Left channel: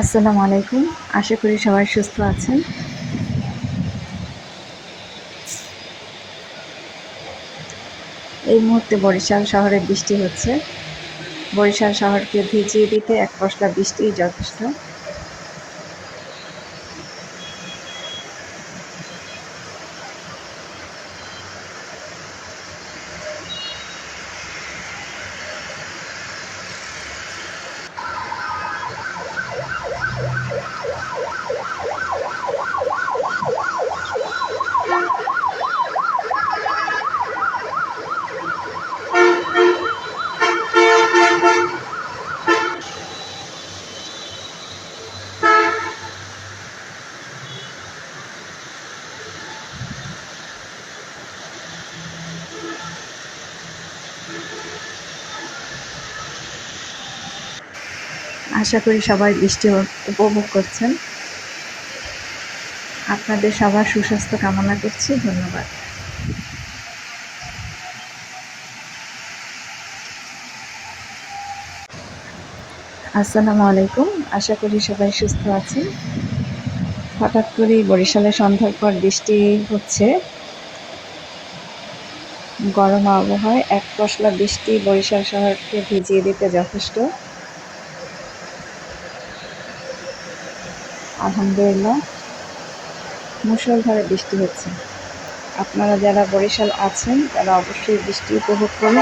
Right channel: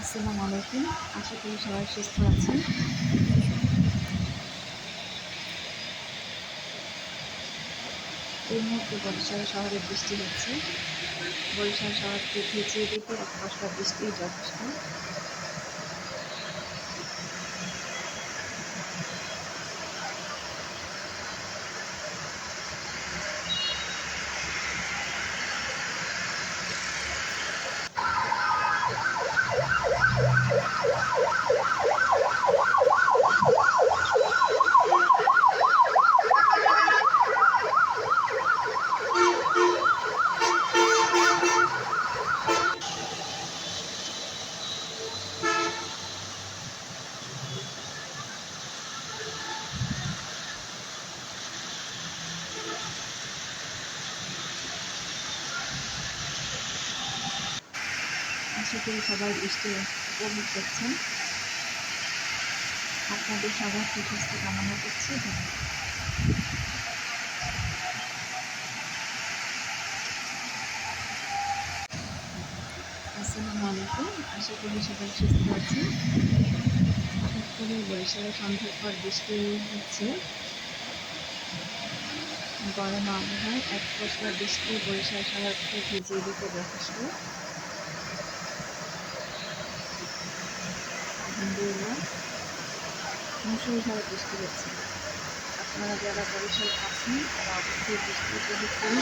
আসসালামু আলাইকুম। আশা করি সবাই সুস্থ আছেন। এই মুহূর্তে বরিশাল শহরে বৃষ্টি হচ্ছে। বরিশাল শহরকে ভিজিয়ে দিতে এক পশলা বৃষ্টিই যথেষ্ট। আশা করি সবাই বৃষ্টি উপভোগ করছেন। আপনাদের সবার সুস্বাস্থ্য কামনা করছি। ধন্যবাদ। আসসালামু আলাইকুম। আশা করি সবাই সুস্থ আছেন। হঠাৎ করেই বরিশালে সন্ধ্যার পর বৃষ্টি হচ্ছে। গরম আবহাওয়ায় এক পশলা বৃষ্টি বরিশাল শহরকে ভিজিয়ে দিতে যথেষ্ট। আলহামদুলিল্লাহ, মুষলধারে বৃষ্টি হচ্ছে। আপনারা যারা বরিশাল আছেন তারা অবশ্যই বৃষ্টি উপভোগ করুন।